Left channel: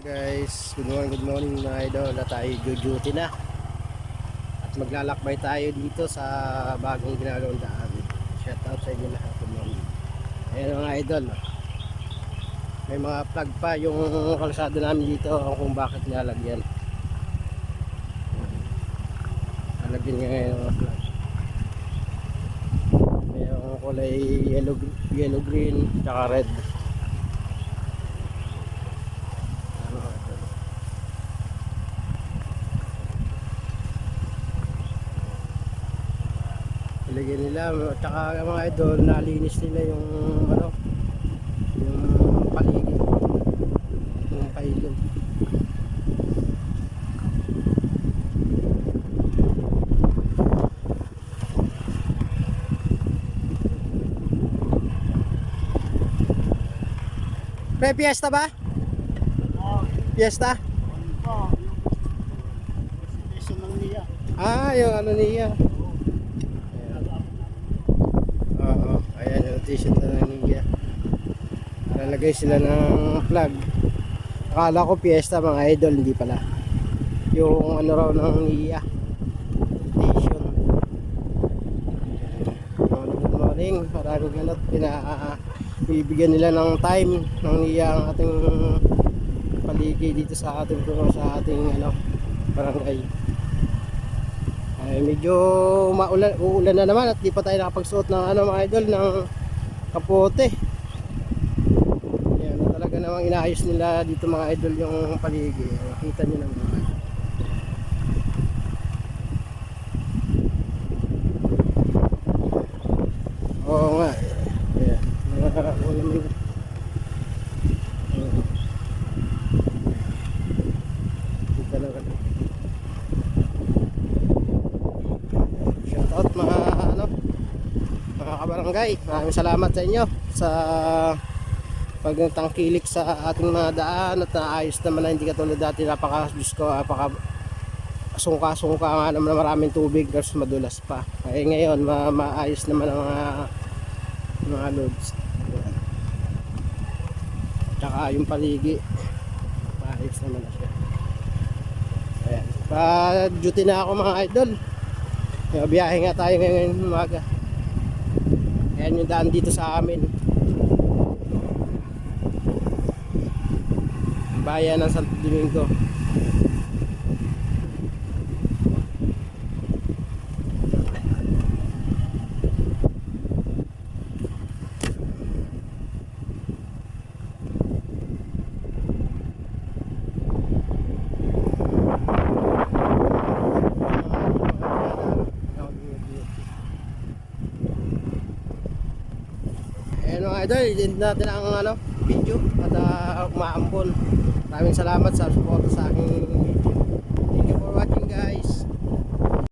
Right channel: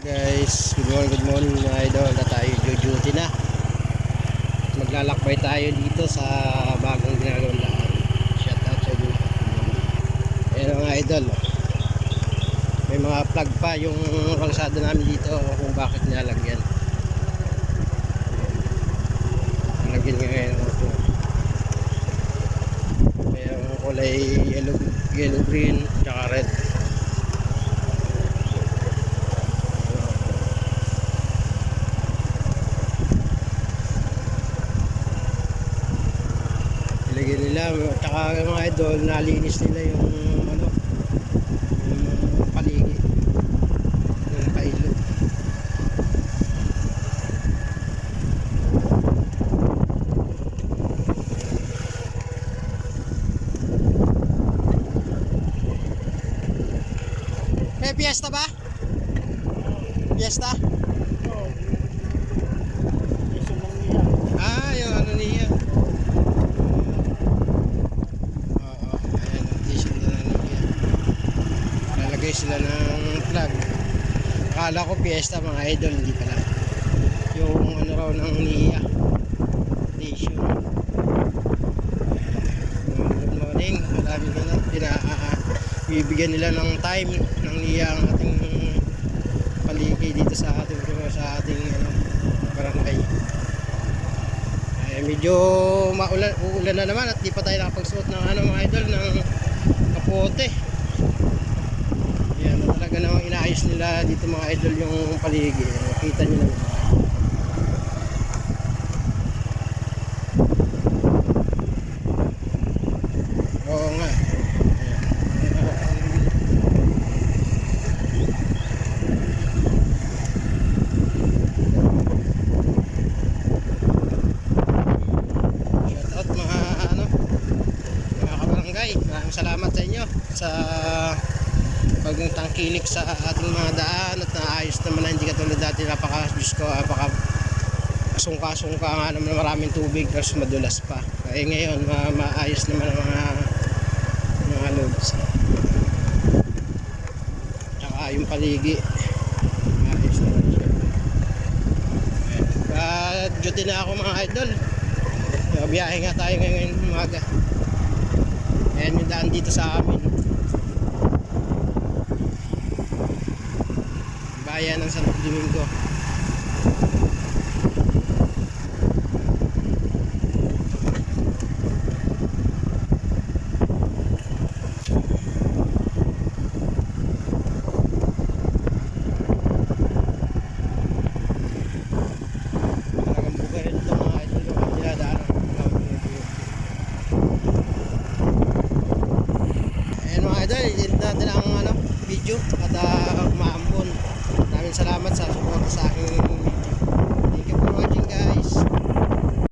Guys, good morning, good morning mga idol. Na tayo duty na. At maglalakbay tayo dito sa bagong ginagawang daan. Shout out sa inyo lahat. Good mga idol. May mga plug pa yung kalsada namin dito kung bakit nilalagyan. Nalagyan nga ngayon mga plug. Mayroong kulay yellow, yellow green, tsaka red. Ilagay nila tsaka mga idol nalinis nila yung ano yung paligid yung pailog may fiesta ba? Fiesta? Ah, yung ano niya. Oo, t-shirt na niya. Lalagay sila ng plug. Akala ko piyesta mga idol, hindi pala. Yung ano raw ng niya. Station. Good morning. Maraming ano, pina, bibigyan nila ng time ng niya ang ating paligid dito sa ating sa ating ano barangay. Ay medyo maulan uulan na naman at di pa tayo nakapagsuot ng ano mga idol ng kapote. Yan na talaga namang inaayos nila dito mga idol yung paligid. Nakita niyo naman. mga idol. Oo nga. Ayan. Alam mo na. Shout out mga ano mga kabarangay. Maraming salamat sa inyo sa pagtangkilik sa ating mga daan at naayos naman na hindi katulad dati napaka Diyos ko napaka sungka-sungka nga naman na maraming tubig tapos madulas pa. Ay ngayon ma maayos naman ang mga mga loads. Tsaka yung paligi maayos naman siya. Ayan. Pa-duty na ako mga idol. Biyahe nga tayo ngayon umaga. Ayan yung daan dito sa amin. Bayan ng Santo Domingo. Ayan yung mga idol, dinadaanan ng tawag ng UP. Ayan mga idol, hindi natin ang ano, video at uh, umaambon. Maraming salamat sa suporta sa aking. Thank you for watching guys.